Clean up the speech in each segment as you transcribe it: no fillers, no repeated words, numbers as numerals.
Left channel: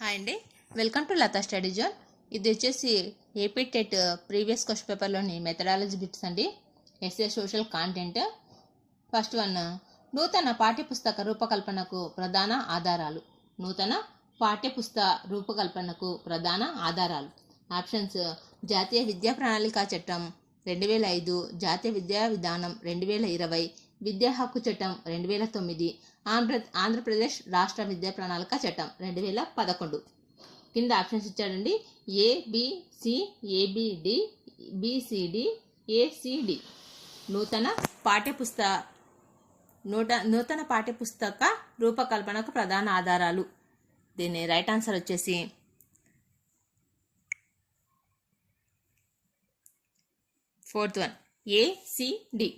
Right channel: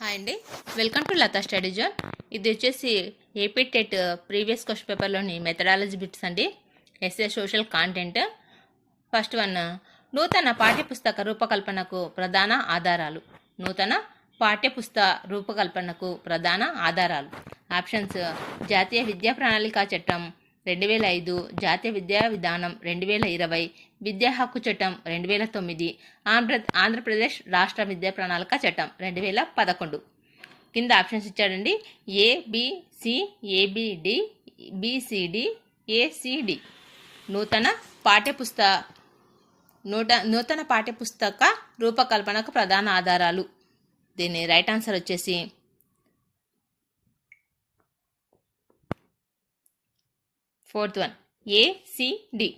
Hi అండి, welcome to Lata study zone. ఇది వచ్చేసి ఏపీ టెట్ ప్రీవియస్ క్వశ్చన్ పేపర్లోని మెథడాలజీ బిట్స్ అండి. SA social content. First one, నూతన పాఠ్యపుస్తక రూపకల్పనకు ప్రధాన ఆధారాలు. నూతన పాఠ్యపుస్తక రూపకల్పనకు ప్రధాన ఆధారాలు. ఆప్షన్స్: జాతీయ విద్యా ప్రణాళిక చట్టం 2005, జాతీయ విద్యా విధానం 2020, విద్యా హక్కు చట్టం 2009, ఆంధ్రప్రదేశ్ రాష్ట్ర విద్యా ప్రణాళిక చట్టం 2011. కింద ఆప్షన్స్ ఇచ్చాడండి. A B C, A B D, B C D, A C D. నూతన పాఠ్యపుస్తక రూపకల్పనకు ప్రధాన ఆధారాలు. దీని రైట్ ఆన్సర్ వచ్చేసి fourth one, A C D.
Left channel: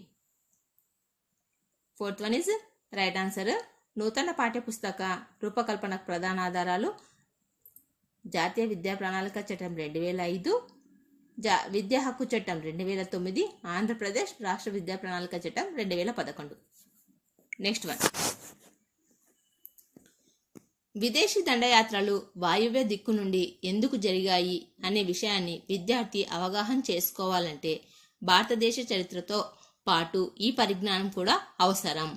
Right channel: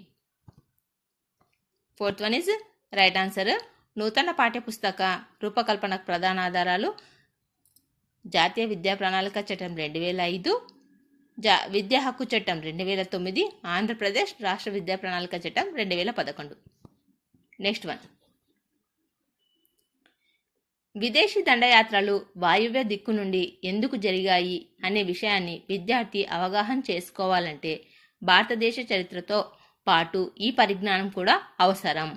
Fourth one is right answer. నూతన పాఠ్యపుస్తక రూపకల్పనకు ప్రధాన ఆధారాలు జాతీయ విద్యా ప్రణాళిక చట్టం 2005, విద్యా హక్కు చట్టం 2009, ఆంధ్రప్రదేశ్ రాష్ట్ర విద్యా ప్రణాళిక చట్టం 2011. నెక్స్ట్ వన్, విదేశీ దండయాత్రలు వాయువ్య దిక్కు నుండి ఎందుకు జరిగాయి అనే విషయాన్ని విద్యార్థి అవగాహన చేసుకోవాలంటే భారతదేశ చరిత్రతో పాటు ఈ పరిజ్ఞానం కూడా అవసరం.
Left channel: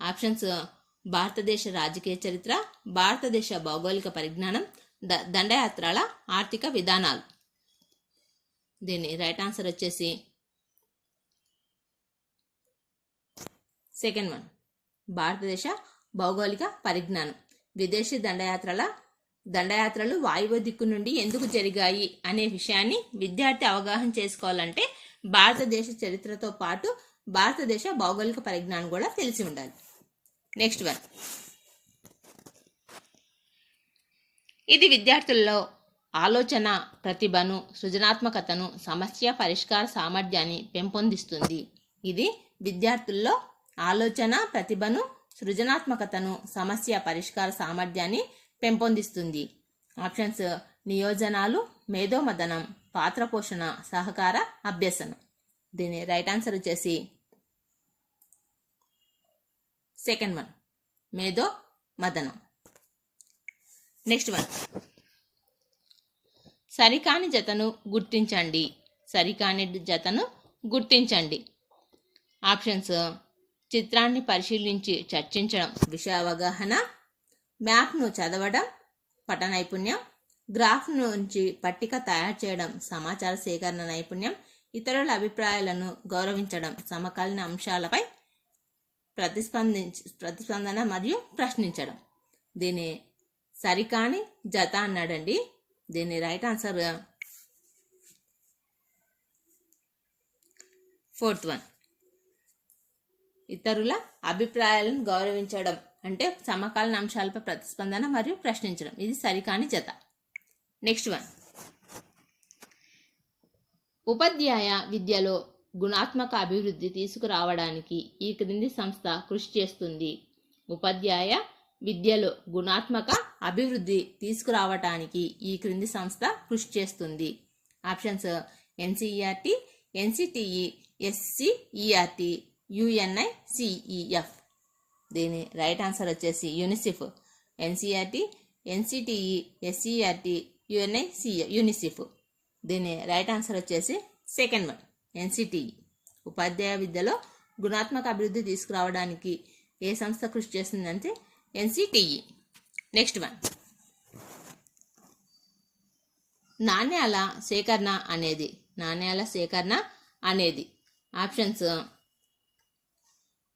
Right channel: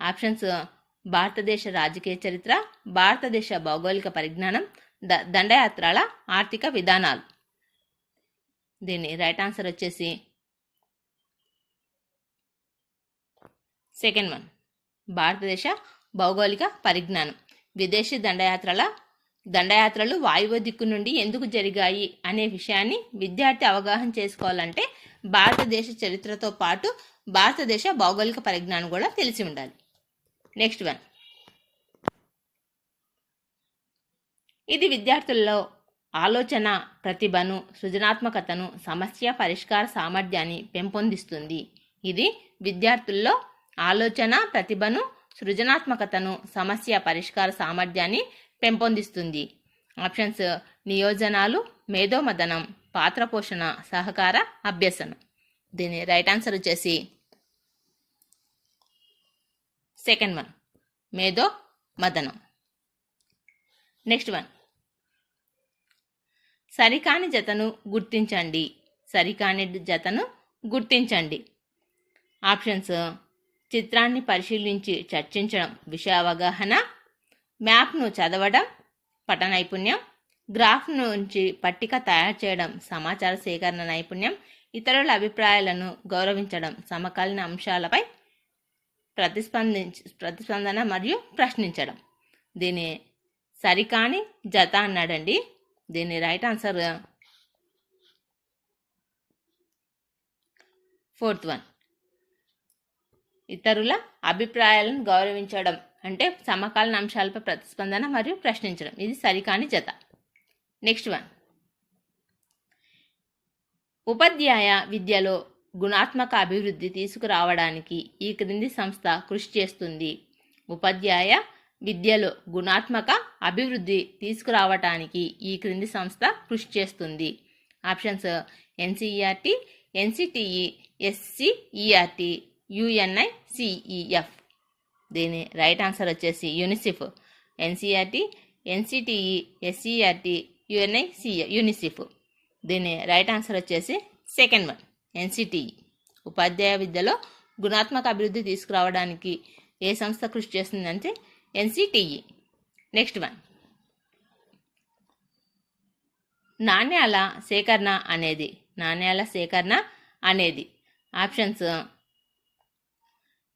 ఆప్షన్స్: భారతదేశ రాజకీయ చరిత్ర, భారతదేశ భౌగోళిక పరిజ్ఞానం, దండయాత్రల ఆర్థిక విధానాలు. దీని రైట్ ఆన్సర్ వచ్చేసి సెకండ్ వన్, భారతదేశ భౌగోళిక పరిజ్ఞానం. విదేశీ దండయాత్రలు వాయువ్య దిక్కు నుండి ఎందుకు జరిగాయి అనే విషయాన్ని విద్యార్థి అవగాహన చేసుకోవాలంటే భారతదేశ చరిత్రతో పాటు భారతదేశ భౌగోళిక పరిజ్ఞానం కూడా తెలిసి ఉండాలి. నెక్స్ట్ వన్, ఇది విద్యార్థుల్లో ఆలోచన ప్రతిభను, సృజనాత్మకతను, సమస్య పరిష్కార సామర్థ్యాన్ని పెంపొందిస్తుంది. ఇది విద్యార్థుల్లో ఆలోచన ప్రతిభను, సృజనాత్మకతను, సమస్య పరిష్కార సామర్థ్యాన్ని పెంపొందిస్తుంది. ఆప్షన్స్: నియోజనాలు, మేధోమథనం, పాత్ర పోషణ, సహకార అభ్యసనం. దీని రైట్ ఆన్సర్ వచ్చేసి సెకండ్ వన్, మేధో మదనం. నెక్స్ట్ వన్, సరికాని జతను గుర్తించండి. సరికాని జతను గుర్తించండి. ఆప్షన్స్: చిత్రాన్ని పరిశీలించి చర్చించడం, విషయ అవగాహన, మ్యాప్ను చదవడం, పట నైపుణ్యం, గ్రాఫ్ నుంచి పట్టిక తయారు చేయడం, సమాచార సేకరణ నైపుణ్యం, ఇతరుల అభిప్రాయాలను గౌరవించడం, సమకాలీన అంశాలపై ప్రతిస్పందన మరియు ప్రశ్నించడం. దీని సరికాని జత అన్నాడండి. దీని రైట్ ఆన్సర్ ఫోర్త్ వన్, ఇతరుల అభిప్రాయాలను గౌరవించడం అంటే సమకాలీన అంశాలపై ప్రతిస్పందన మరియు ప్రశ్నించడం. ఇది సరికాని జత. నెక్స్ట్ వన్, ఉపాధ్యాయ విద్యలో గుణాత్మక అభివృద్ధి తీసుకురావడానికి ఈ క్రింది సంస్థ కృషి చేస్తుంది. ఉపాధ్యాయ విద్యలో గుణాత్మక అభివృద్ధి తీసుకురావడానికి ఈ క్రింది సంస్థ కృషి చేస్తుంది. Options: NCERT, NCTE, SCERT, U N I C E F. దీని రైట్ ఆన్సర్ వచ్చేసి UNICEF. NCERT, NCTE, SCERT, UNICEF. దీని రైట్ ఆన్సర్ వచ్చేసి సెకండ్ వన్, ఎన్సిటిఈ. ఉపాధ్యాయ విద్యలో గుణాత్మక అభివృద్ధి తీసుకురావడానికి ఏ సంస్థ కృషి చేస్తుందంటే ఎన్సిటిఈ. నెక్స్ట్ వన్, నాణ్యాల సేకరణ అనేది ఆప్షన్స్:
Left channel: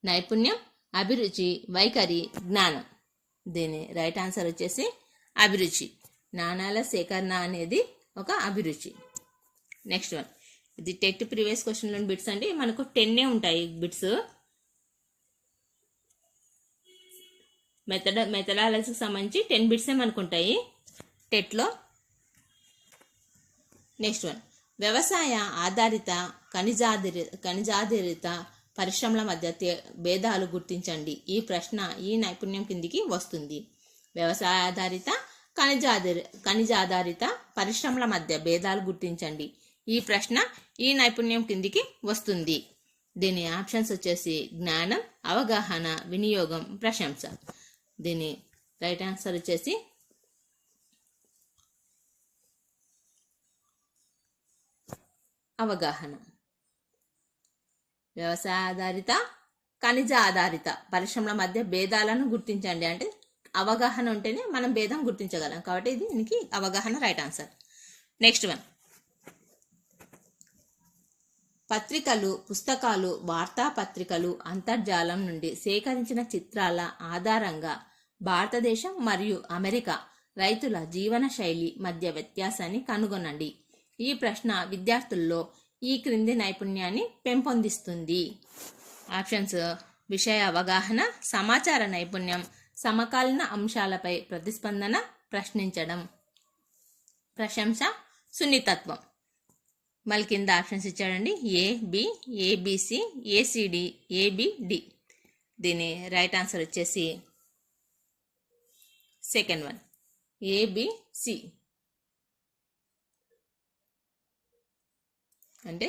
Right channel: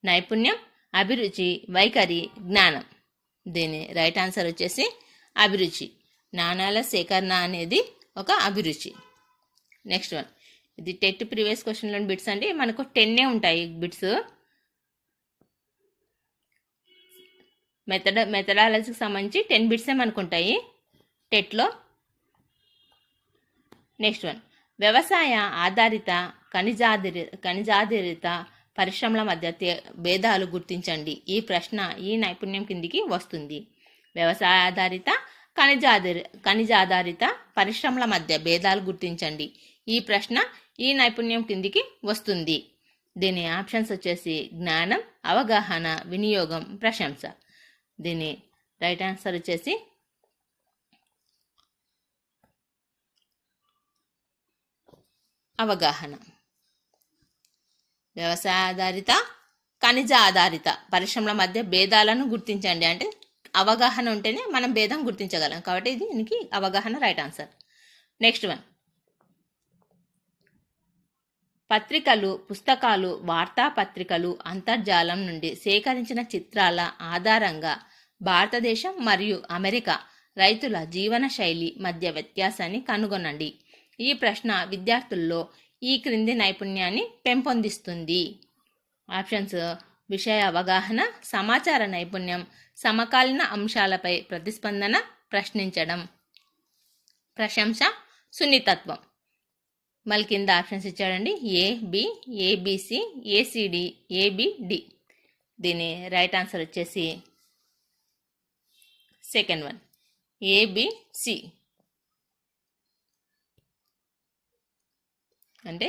నైపుణ్యం, అభిరుచి, వైఖరి, జ్ఞానం. దీని రైట్ ఆన్సర్ వచ్చేసి అభిరుచి. నాణ్యాల సేకరణ అనేది ఒక అభిరుచి. నెక్స్ట్ వన్, ఇది టెట్ ప్రీవియస్ క్వశ్చన్లోని బిట్స్ అండి. మనకు 10 ఉంటాయి బిట్స్. మెథడాలజీకి సంబంధించి 10 బిట్సే మనకు ఉంటాయి టెట్లో. నెక్స్ట్ వన్, వ్యవసాయ ఆధారిత ఖనిజాధారిత పరిశ్రమల మధ్య భేదాలు గుర్తించండి. ఈ ప్రశ్న ఈ నైపుణ్యం కిందికి వస్తుంది. వ్యవసాయ ఆధారిత ఖనిజాధారిత పరిశ్రమల మధ్య భేదాలు గుర్తించండి. ఈ ప్రశ్న ఈ నైపుణ్యం కిందికి వస్తుంది. దీని ఆప్షన్స్ వచ్చేసి జ్ఞానం, అవగాహన, వినియోగం, ప్రశంస. దీని రైట్ ఆన్సర్ వచ్చేసి అవగాహన. వ్యవసాయ ఆధారిత, ఖనిజ ఆధారిత పరిశ్రమల మధ్య భేదాలను గుర్తించండి. అంటే అవగాహన ఉంటేనే మనం భేదం గుర్తించగలం, కాబట్టి ఇది దీనికి అవగాహన రైట్ ఆన్సర్. నెక్స్ట్ వన్, పత్రికలు, పుస్తకాలు, వార్తాపత్రికలు, అంతర్జాలం నుండి సేకరించిన చిత్రాల ఆధారంగా భారతదేశం మరియు అమెరికా రైతుల జీవన శైలి మధ్య వ్యత్యాసాన్ని కనుగొనండి. ఈ ప్రశ్న విద్యార్థుల్లో ఈ క్రింది నైపుణ్యాన్ని పెంపొందిస్తుంది. ఆప్షన్స్: విషయ అవగాహన, సమాచార నైపుణ్యం, సమకాలీన అంశాలపై ప్రతిస్పందన, ప్రశ్నించడం, ప్రశంస, సున్నితత్వం. మళ్ళీ కింద ఆప్షన్స్ ఇచ్చాడండి. A B, A B C, A C D, A B D. దీని రైట్ ఆన్సర్ వచ్చేసి సెకండ్ వన్, ఏబిసి. అంటే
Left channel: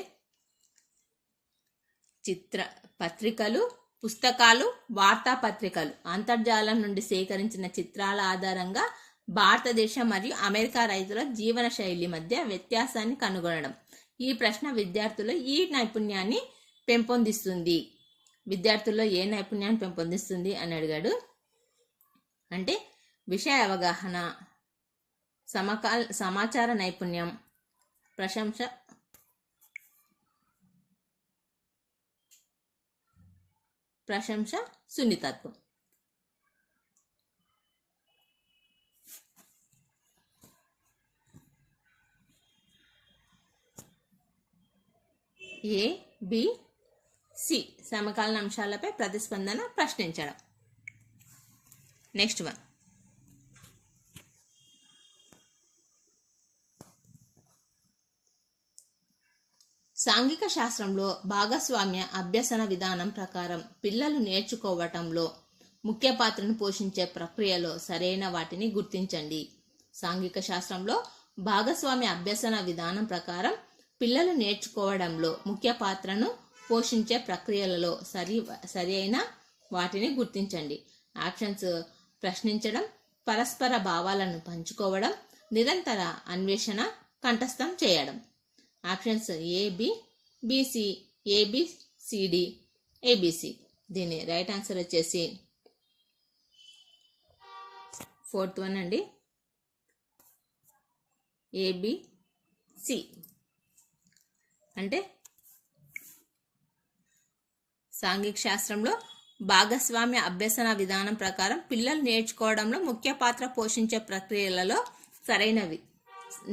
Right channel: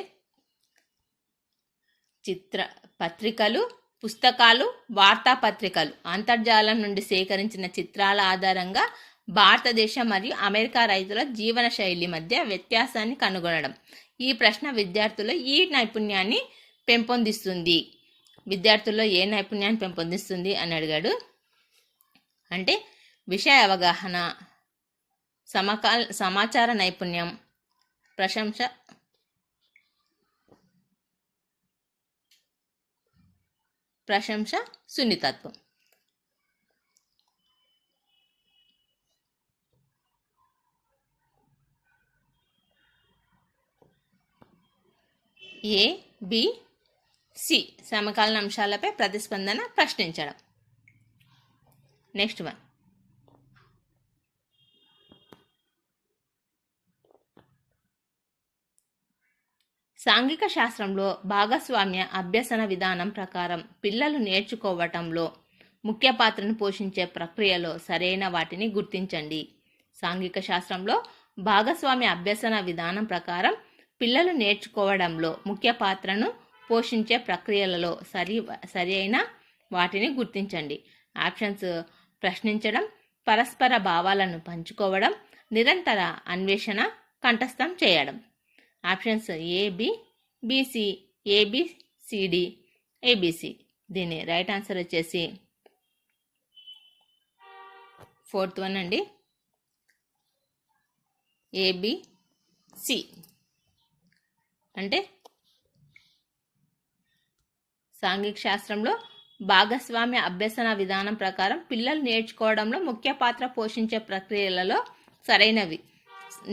పత్రికలు, పుస్తకాలు, వార్తాపత్రికలు, అంతర్జాలం నుండి సేకరించిన చిత్రాల ఆధారంగా భారతదేశ మరియు అమెరికా రైతుల జీవన శైలి మధ్య వ్యత్యాసాన్ని కనుగొనడం. ఈ ప్రశ్న విద్యార్థుల్లో ఈ నైపుణ్యాన్ని పెంపొందిస్తుంది. విద్యార్థుల్లో ఏ నైపుణ్యాన్ని పెంపొందిస్తుంది అని అడిగాడు. అంటే విషయ అవగాహన, సమాచార నైపుణ్యం, ప్రశంస, సున్నితత్వం. ఏ, బి, సి సమకాలీన అంశాలపై ప్రతిస్పందన, ప్రశ్నించడం. నెక్స్ట్ వన్, సాంఘిక శాస్త్రంలో భాగస్వామ్య అభ్యసన విధానం ప్రకారం పిల్లలు నేర్చుకోవటంలో ముఖ్య పాత్రను పోషించే ప్రక్రియలో సరైన వాటిని గుర్తించండి. సాంఘిక శాస్త్రంలో భాగస్వామ్య అభ్యసన విధానం ప్రకారం పిల్లలు నేర్చుకోవడంలో ముఖ్య పాత్రను పోషించే ప్రక్రియలలో సరి అయిన వాటిని గుర్తించండి. ఆప్షన్స్: ప్రశ్నించడం, పరస్పర భావాలను పంచుకోవడం, నిరంతర అన్వేషణ, కంఠస్థం చేయడం. Options: A B, B C, A B C D, A B C. దీని రైట్ ఆన్సర్ వచ్చేసి ఫోర్త్ వన్ అండి, ఏబిసి. అంటే సాంఘిక శాస్త్రంలో భాగస్వామ్య అభ్యసన విధానం ప్రకారం పిల్లలు నేర్చుకోవడంలో ముఖ్య పాత్ర పోషించే ప్రక్రియలలో సరైనవి.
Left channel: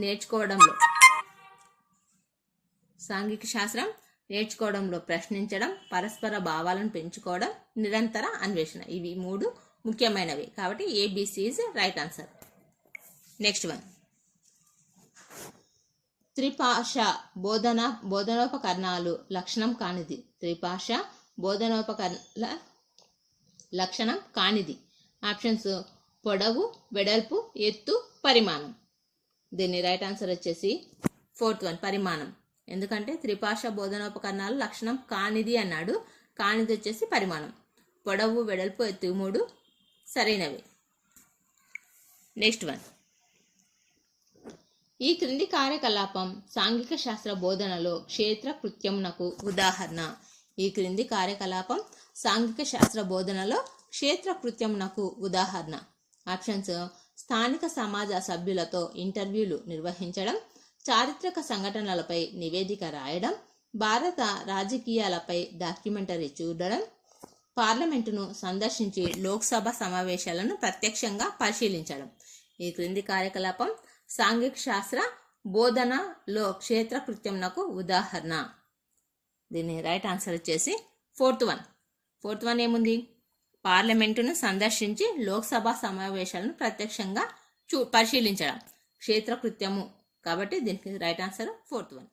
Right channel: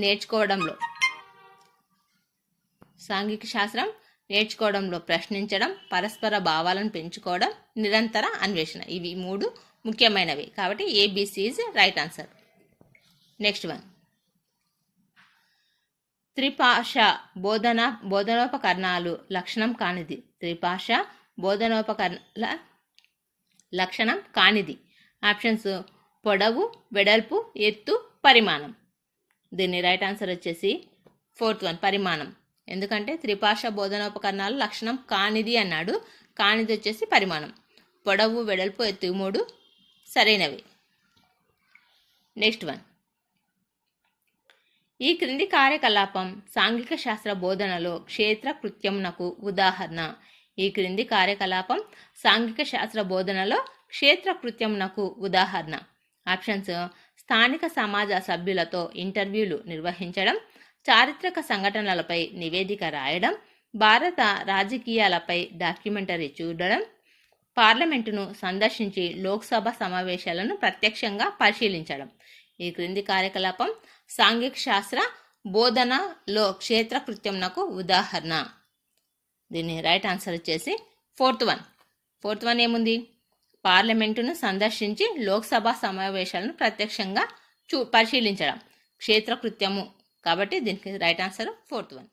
నేర్చుకోవడంలో సాంఘిక శాస్త్రం నేర్చుకోవడంలో ప్రశ్నించడం, పరస్పర భావాలను పెంచుకోవడం, నిరంతర అన్వేషణ, ఇవి 3 ముఖ్యమైనవి. కాబట్టి ABC is right answer. Next one, త్రిభాష బోధనోపకరణాలు లక్షణం కానిది. త్రిభాష బోధనోపకరణాల లక్షణం కానిది. ఆప్షన్స్: పొడవు, వెడల్పు, ఎత్తు, పరిమాణం. దీని రైట్ ఆన్సర్ వచ్చేసి ఫోర్త్ వన్, పరిమాణం. ఎందుకంటే త్రిభాష బోధనోపకరణాలు లక్షణం కానిది అన్నాడు. కానిది వచ్చేసి పరిమాణం. పొడవు, వెడల్పు, ఎత్తు 3 సరైనవి. నెక్స్ట్ వన్, ఈ క్రింది కార్యకలాపం సాంఘిక శాస్త్ర బోధనలో క్షేత్ర కృత్యమునకు ఉదాహరణ. ఈ క్రింది కార్యకలాపం సాంఘిక శాస్త్ర బోధనలో క్షేత్ర కృత్యమునకు ఉదాహరణ. ఆప్షన్స్: స్థానిక సమాజ సభ్యులతో ఇంటర్వ్యూలు నిర్వహించడం, చారిత్రక సంఘటనలపై నివేదిక రాయడం, భారత రాజకీయాలపై డాక్యుమెంటరీ చూడడం, పార్లమెంటును సందర్శించి లోక్సభ సమావేశాలను ప్రత్యక్షంగా పరిశీలించడం. ఈ క్రింది కార్యకలాపం సాంఘిక శాస్త్ర బోధనలో క్షేత్ర కృత్యంనకు ఉదాహరణ. దీని రైట్ ఆన్సర్ వచ్చేసి ఫోర్త్ వన్ ఏముంది? పార్లమెంటును సందర్శించి లోక్సభ సమావేశాలను ప్రత్యక్షంగా పరిశీలించడం క్షేత్ర కృత్యము. కాబట్టి దీనికి రైట్ ఆన్సర్ ఫోర్త్ వన్.